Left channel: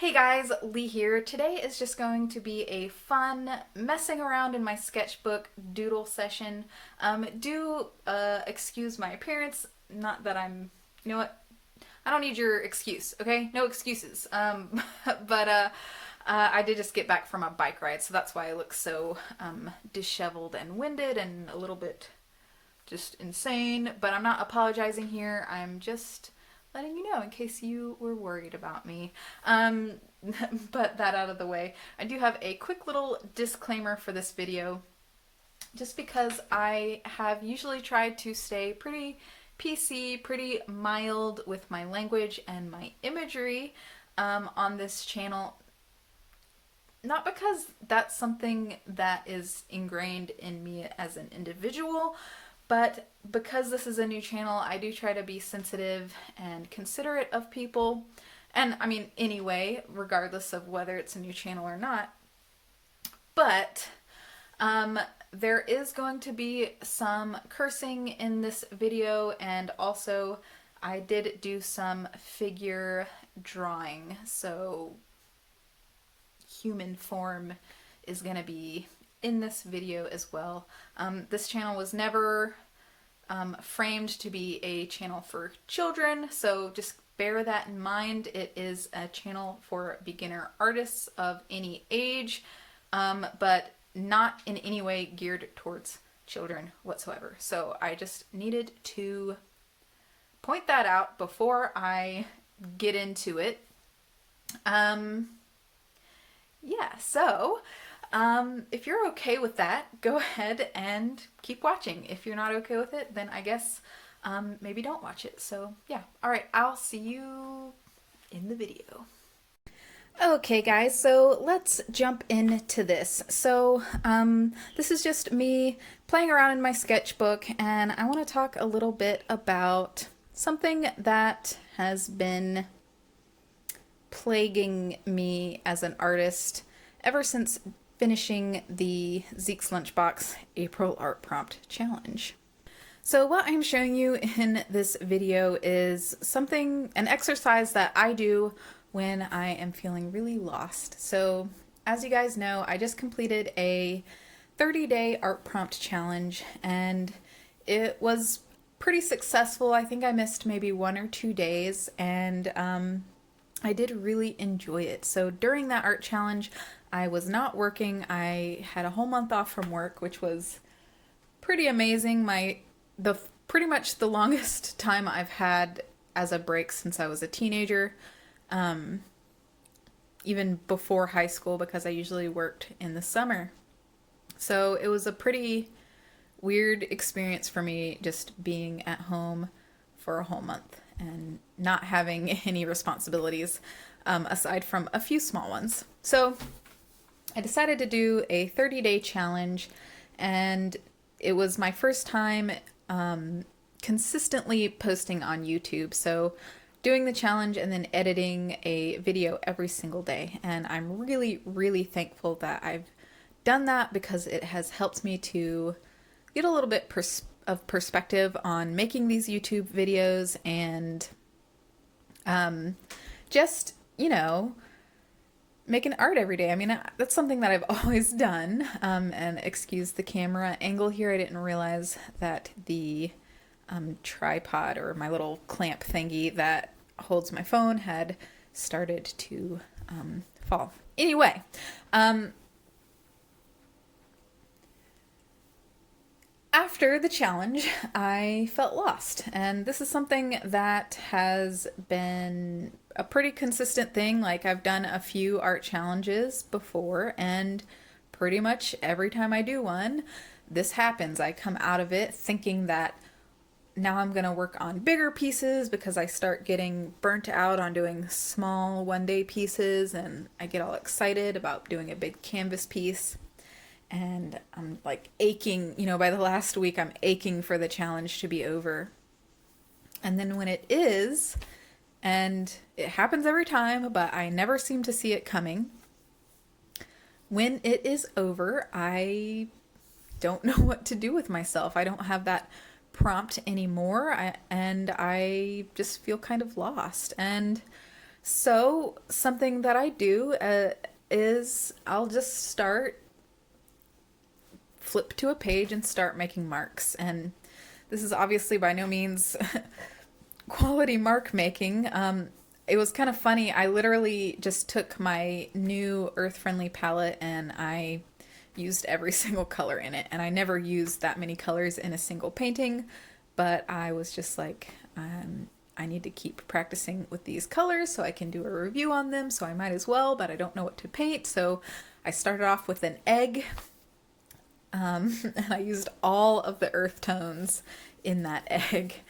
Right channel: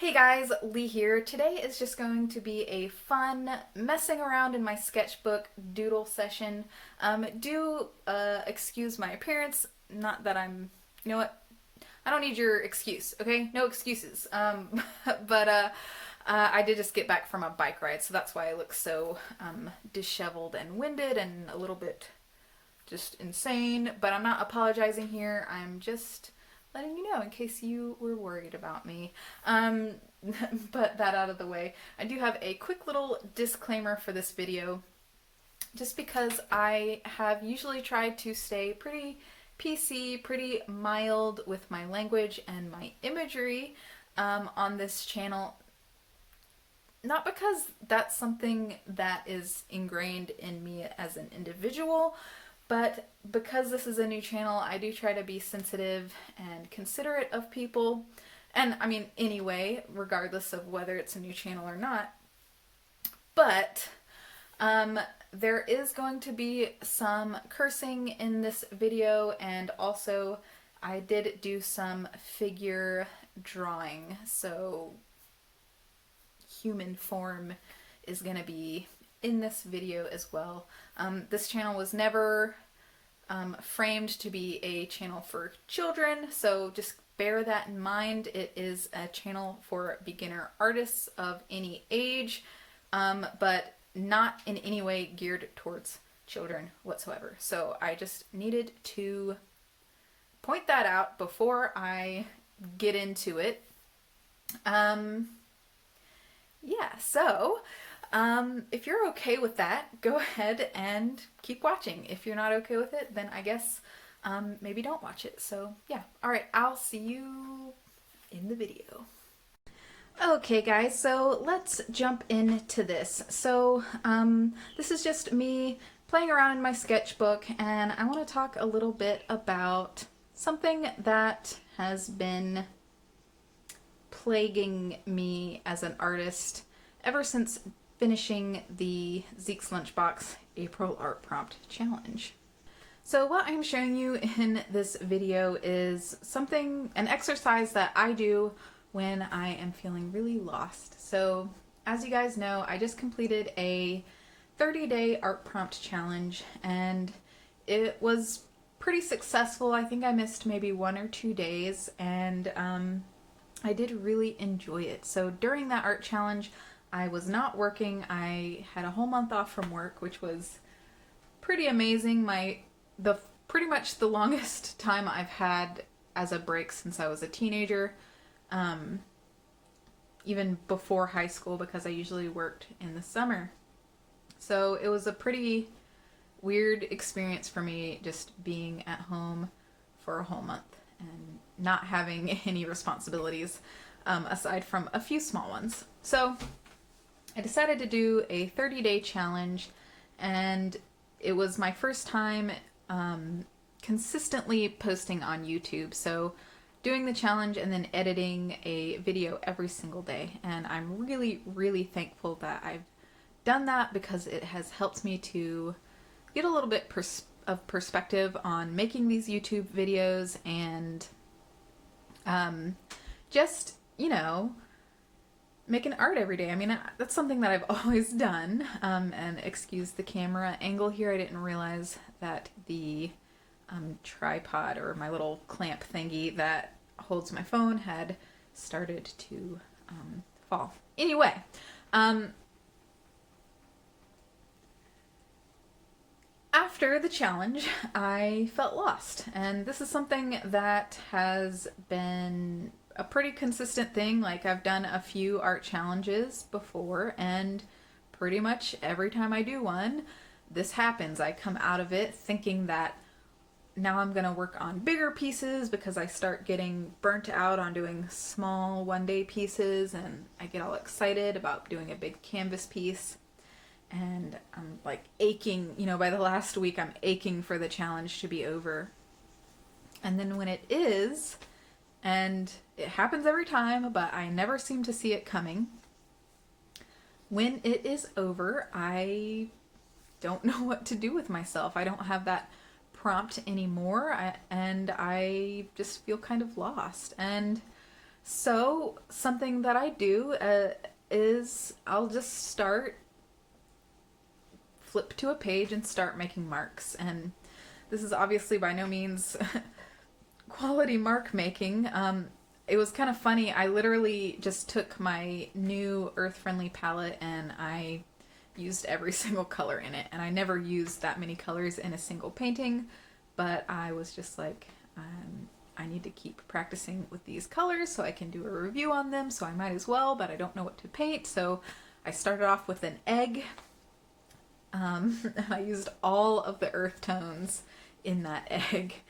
Hey guys, Lee here. Today is just going to be a fun messing around in my sketchbook doodle session. Excuse my appearance. Not that I'm, you know what? I don't need your excuse, okay? No excuses. But I did just get back from a bike ride, so that's why I look so disheveled and winded and a little bit just insane. But I'm not apologizing here. I'm just letting you know in case you were worried about me. But that out of the way, I do have a quick little disclaimer for this video, just because I have usually tried to stay pretty PC, pretty mild with my language and my imagery on this channel. Not because that's something that is ingrained in me as an individual, but because this is a new channel, I do try to be sensitive and considerate of people. And I mean, anyway, regardless of whether it's a new channel or not. But there is going to be some cursing in this video, and also I did do some figure drawing, so human form is going to be in this video as well. This channel was never framed to be a channel for children, so just bear that in mind. It is a channel for beginner artists of any age, but not in any way geared towards children whatsoever. So I just needed to point that out before I get into it. If you're okay with that, go ahead and keep watching. If you're not okay with it, then I guess maybe don't watch it. So yeah, all right, I'll see you in the video. Okay guys, so let's jump into this. So this is just me playing around in my sketchbook, and I want to talk a little bit about something that has been plaguing me as an artist ever since finishing the Zeke's Lunchbox April Art Prompt Challenge. So what I'm showing you in this video is an exercise that I do when I am feeling really lost. So as you guys know, I just completed a 30-day art prompt challenge, and it was pretty successful. I think I missed maybe 1 or 2 days, and I did really enjoy it. So during that art challenge, I was not working. I had a whole month off from work, which was pretty amazing. Pretty much the longest time I've had as a break since I was a teenager, even before high school, because I usually worked in the summer. So it was a pretty weird experience for me, just being at home for a whole month and not having any responsibilities aside from a few small ones. So I decided to do a 30-day challenge, and it was my first time consistently posting on YouTube. So doing the challenge and then editing a video every single day. And I'm really, really thankful that I've done that, because it has helped me to get a little bit of perspective on making these YouTube videos, and just, making art every day. I mean, that's something that I've always done. And excuse the camera angle here. I didn't realize that the tripod, or my little clamp thingy that holds my phone, had started to fall. Anyway, after the challenge, I felt lost, and this is something that has been a pretty consistent thing. Like, I've done a few art challenges before, and pretty much every time I do one, this happens. I come out of it thinking that now I'm gonna work on bigger pieces, because I start getting burnt out on doing small one-day pieces, and I get all excited about doing a big canvas piece. And I'm like aching, by the last week, I'm aching for the challenge to be over. And then when it is, and it happens every time, but I never seem to see it coming, when it is over, I don't know what to do with myself. I don't have that prompt anymore, and I just feel kind of lost. And So something that I do is I'll just flip to a page and start making marks. And this is obviously by no means quality mark making. It was kind of funny. I literally just took my new Earth Friendly palette and I used every single color in it. And I never used that many colors in a single painting, but I was just like, I need to keep practicing with these colors so I can do a review on them, so I might as well, but I don't know what to paint. So I started off with an egg, and I used all of the earth tones in that egg.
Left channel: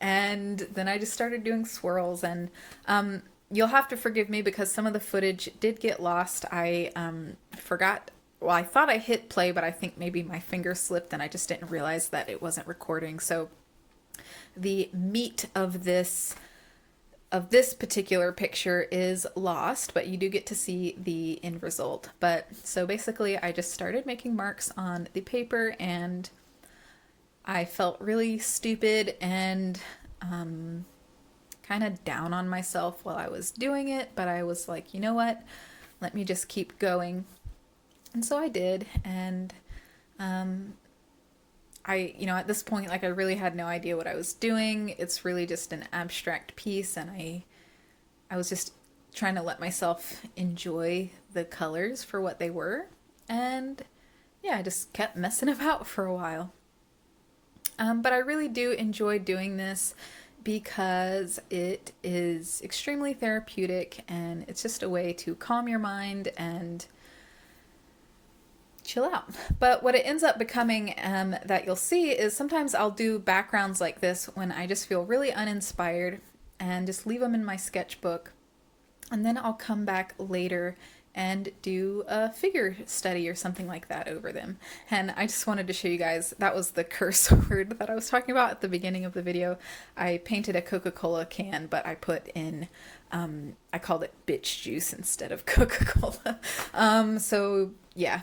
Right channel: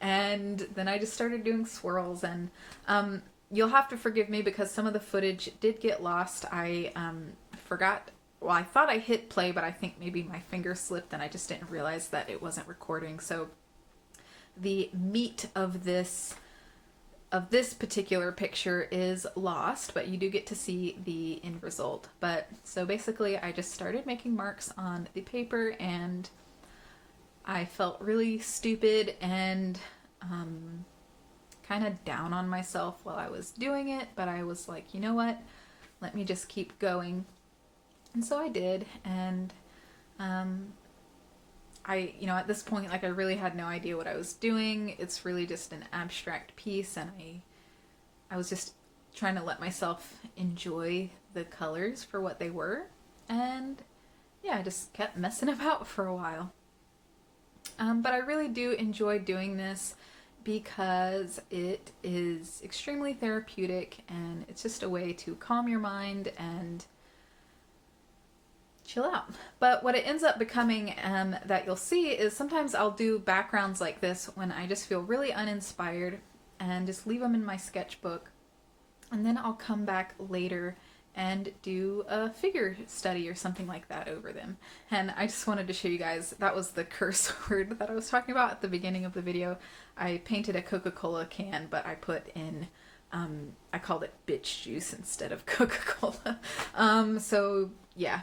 And then I just started doing swirls, and you'll have to forgive me because some of the footage did get lost. I forgot, well, I thought I hit play, but I think maybe my finger slipped and I just didn't realize that it wasn't recording. So the meat of this particular picture is lost, but you do get to see the end result. But so basically I just started making marks on the paper and I felt really stupid and kind of down on myself while I was doing it, but I was like, you know what, let me just keep going. And so I did, and at this point, like, I really had no idea what I was doing. It's really just an abstract piece, and I was just trying to let myself enjoy the colors for what they were. And yeah, I just kept messing about for a while. But I really do enjoy doing this because it is extremely therapeutic and it's just a way to calm your mind and chill out. But what it ends up becoming, that you'll see, is sometimes I'll do backgrounds like this when I just feel really uninspired and just leave them in my sketchbook, and then I'll come back later and do a figure study or something like that over them. And I just wanted to show you guys, that was the curse word that I was talking about at the beginning of the video. I painted a Coca-Cola can, but I put in I called it bitch juice instead of Coca-Cola. So yeah.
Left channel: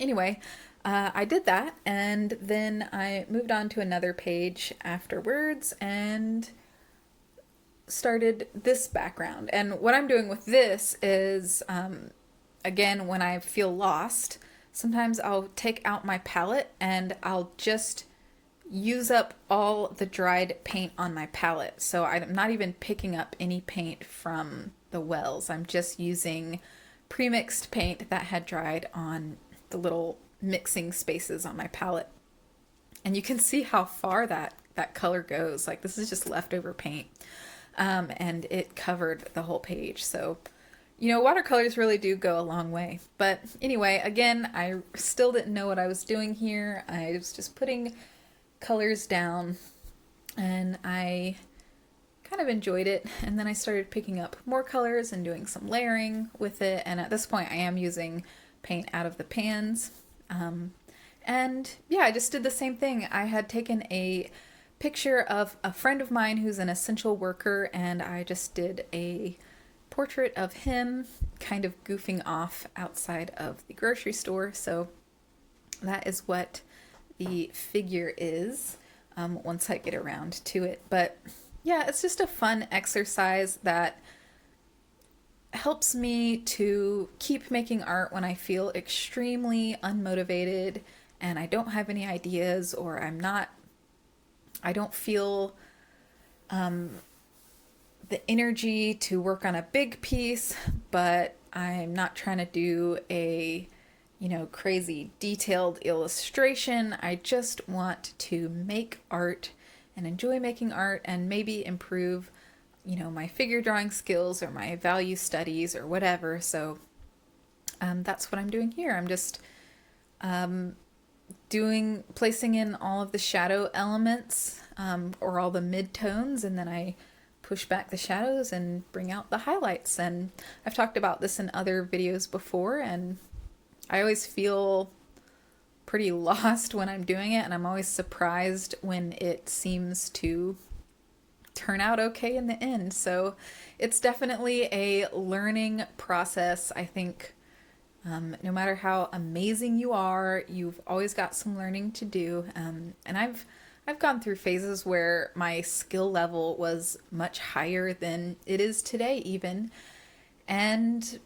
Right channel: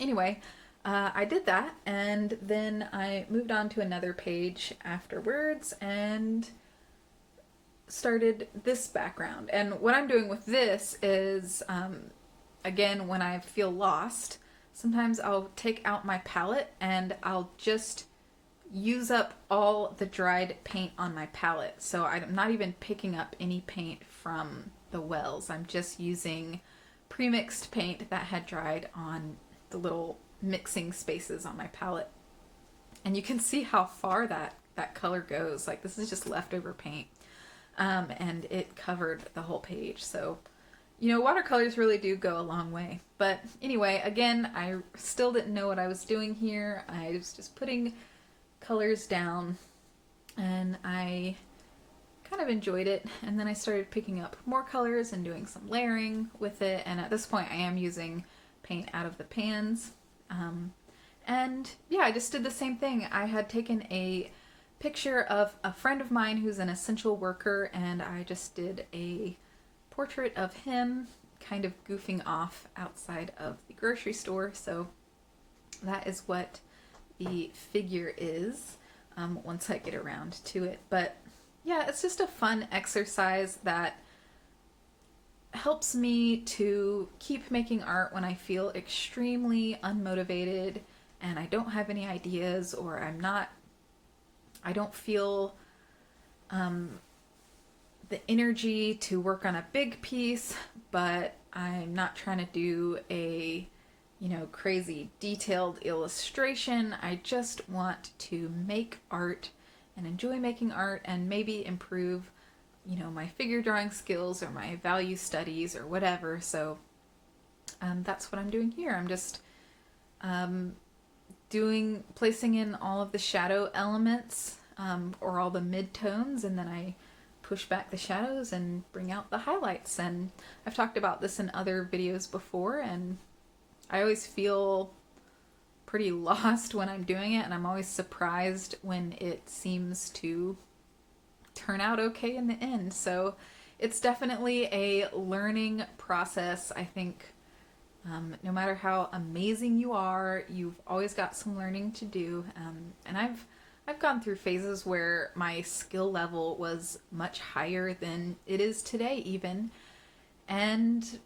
Anyway, I did that, and then I moved on to another page afterwards and started this background. And what I'm doing with this is, again, when I feel lost, sometimes I'll take out my palette and I'll just use up all the dried paint on my palette. So I'm not even picking up any paint from the wells. I'm just using pre-mixed paint that had dried on the little mixing spaces on my palette. And you can see how far that color goes. Like, this is just leftover paint. And it covered the whole page. So, watercolors really do go a long way. But anyway, again, I still didn't know what I was doing here. I was just putting colors down, and I kind of enjoyed it. And then I started picking up more colors and doing some layering with it. And at this point I am using paint out of the pans. And yeah, I just did the same thing. I had taken a picture of a friend of mine who's an essential worker, and I just did a portrait of him kind of goofing off outside of the grocery store. So that is what the figure is, once I get around to it. But yeah, it's just a fun exercise that helps me to keep making art when I feel extremely unmotivated and I don't have any ideas, or I don't feel the energy to work on a big piece, but I'm not trying to do a crazy detailed illustration. I just want to make art and enjoy making art and maybe improve, my figure drawing skills or my value studies or whatever. So that's what I'm doing here. I'm just placing in all of the shadow elements, or all the mid-tones, and then I push back the shadows and bring out the highlights. And I've talked about this in other videos before, and I always feel pretty lost when I'm doing it, and I'm always surprised when it seems to turn out okay in the end. So it's definitely a learning process. I think no matter how amazing you are, you've always got some learning to do. And I've gone through phases where my skill level was much higher than it is today, even. And,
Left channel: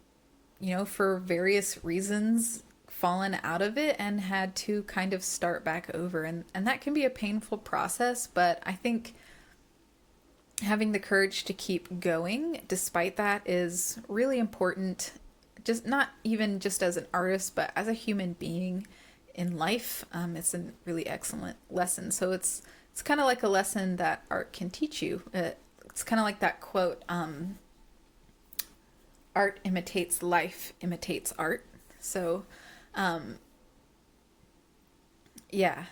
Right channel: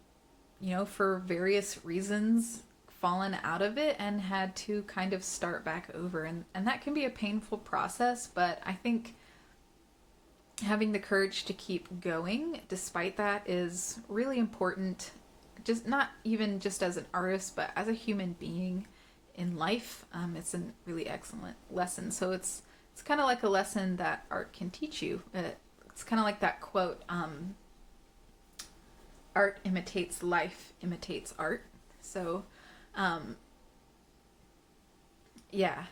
you know, for various reasons, fallen out of it and had to kind of start back over. And that can be a painful process, but I think having the courage to keep going despite that is really important, just not even just as an artist, but as a human being in life. It's a really excellent lesson. So it's kind of like a lesson that art can teach you. It's kind of like that quote, art imitates life, imitates art. So yeah,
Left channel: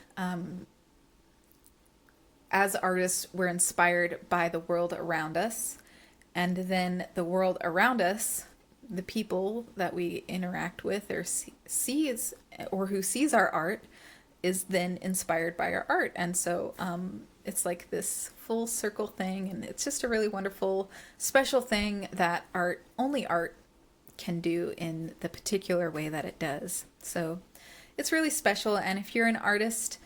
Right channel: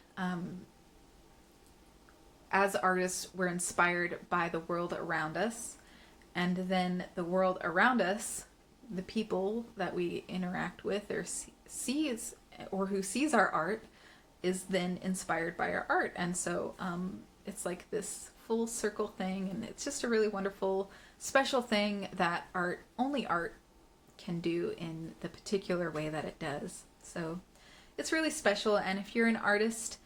as artists, we're inspired by the world around us, and then the world around us, the people that we interact with or sees, or who sees our art, is then inspired by our art. And so it's like this full circle thing, and it's just a really wonderful, special thing that only art can do in the particular way that it does. So it's really special, and if you're an artist,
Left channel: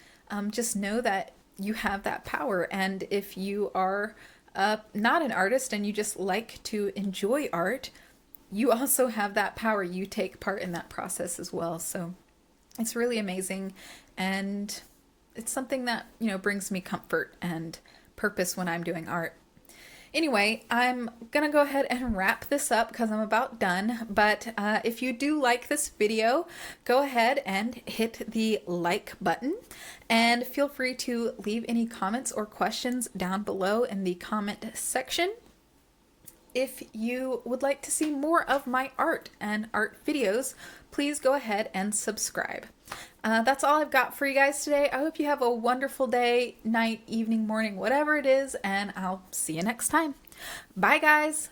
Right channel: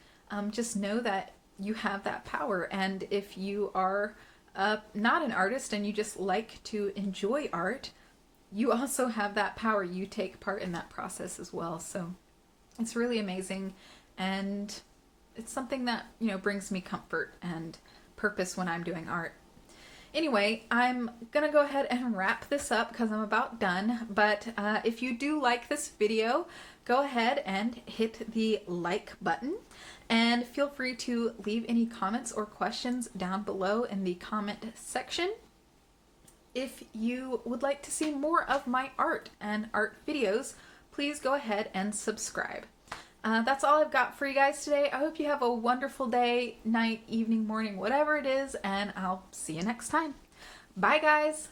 just know that you have that power. And if you are not an artist and you just like to enjoy art, you also have that power. You take part in that process as well. So it's really amazing, and it's something that, you know, brings me comfort and purpose when I'm doing art. Anyway, I'm gonna go ahead and wrap this up because I'm about done. But if you do like this video, go ahead and hit the like button, and feel free to leave any comments or questions down below in the comment section. If you would like to see more of my art and art videos, please go ahead and subscribe. That's all I've got for you guys today. I hope you have a wonderful day, night, evening, morning, whatever it is, and I'll see you next time. Bye, guys.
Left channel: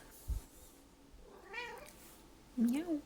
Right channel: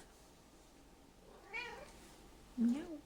Meow.